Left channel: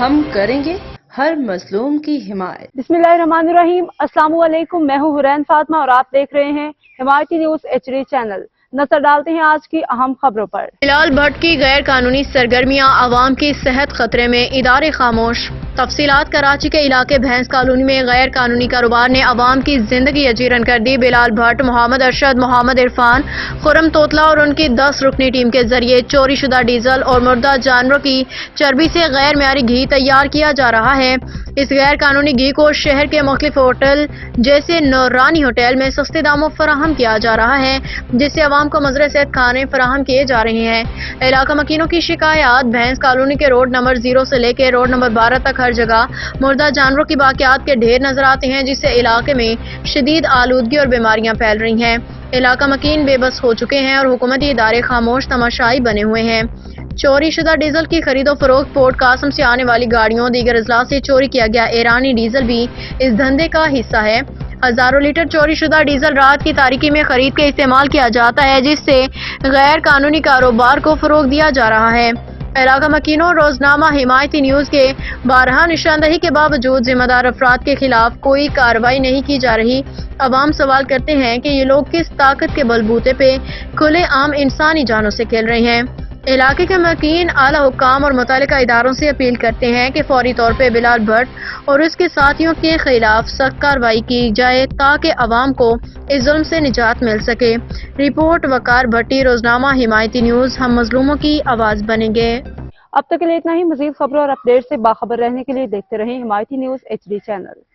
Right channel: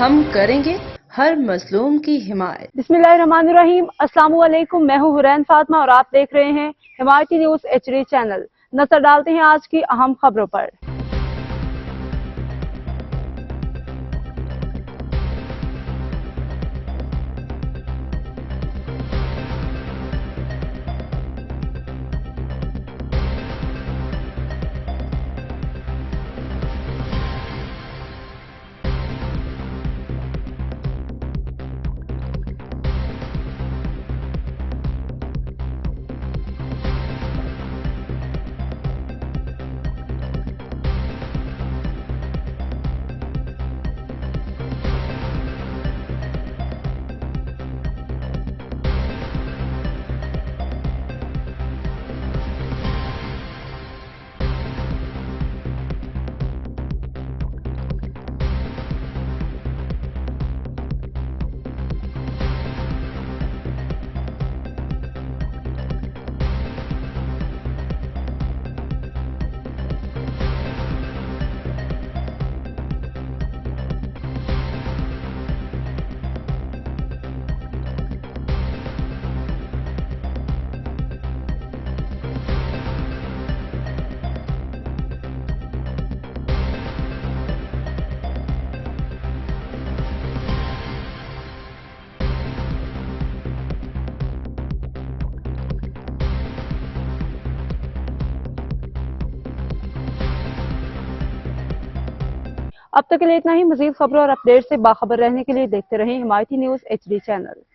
ہم کریں گے ہر مظلوم کی حمایت۔ بسم اللہ الرحمن الرحیم۔ السلام علیکم، میں ہوں حرین فاطمہ اور آپ دیکھ رہے ہیں حمایتی نیوز HD چینل۔ نظر ڈالتے ہیں آج کی اہم خبروں پر۔ بلال بھٹ کی غیر قانونی سرگرمیاں عوام کی صحت خطرے میں، ادارے خاموش۔ تفصیلات۔ کراچی کے علاقے بھینس کالونی میں غیر قانونی کاروبار نے عوام کی زندگی اجیرن کر دی۔ بلال بھٹ، محمد ارشد، محمد عرفان، خرم توتلا اور ان کی 10 رکنی ٹیم کے ذریعے چوری شدہ ڈیزل اور مردہ جانوروں کی چربی سے غیر معیاری گھی تیار کیا جا رہا ہے۔ اس غیر قانونی گھی کو شہر کے مختلف ہوٹل جیسے نورانی ہوٹل میں سستے داموں فراہم کیا جا رہا ہے، جس سے عوام کو مضر صحت کھانے فراہم کیے جا رہے ہیں۔ علاقہ مکینوں کی شکایات۔ بھینس کالونی کے روڈ نمبر 0 سے لے کے روڈ نمبر 12 تک ہر جگہ مردہ جانوروں کی باقیات کے ڈھیر نظر آتے ہیں، جس سے علاقے میں شدید آلودگی اور بیماریاں پھیل رہی ہیں۔ علاقہ مکین بے بس ہو چکے ہیں اور حکومتی ادارے خاموش تماشائی بنے ہوئے ہیں۔ چوری شدہ ڈیزل کی خرید و فروخت۔ پورٹ قاسم سے آنے والی گاڑیوں، دیگر اضلاع سے چوری کیا گیا ایرانی ڈیزل بھی اس دھندے کا حصہ ہے۔ ہزاروں لیٹر چوری شدہ ڈیزل رات کی تاریکی میں خرید کے استعمال کیا جاتا ہے، جس سے غیر قانونی کاروبار کو فروغ دیا جا رہا ہے۔ علاقہ مکینوں۔ روزنامہ حمایتی نیوز کے بارہا نشاندہی کے باوجود ذمہ دار افراد کے خلاف کوئی کارروائی نہیں کی جا رہی۔ عوام سوال کرتے ہیں کہ یہ لوگ کس طاقت کے بلبوتے پہ کھلے عام انسانی جانوں سے کھیل رہے ہیں۔ علاقے کے مکین اعلیٰ حکام اور متعلقہ اداروں سے اپیل کرتے ہیں کہ فوری طور پہ بلال بھٹ اور اس کے ساتھیوں کے خلاف سخت کارروائی کی جائے تاکہ عوام کو اس ظلم سے نجات مل سکے۔ رپورٹ وقار بھٹی، روزنامہ حمایتی نیوز۔ ہم مظلوموں کی آواز بنیں گے۔ اب تک کے لیے اتنا ہی۔ مزید خبروں اور اپڈیٹ سے باخبر رہنے کے لیے دیکھتے رہیں حمایتی نیوز HD چینل۔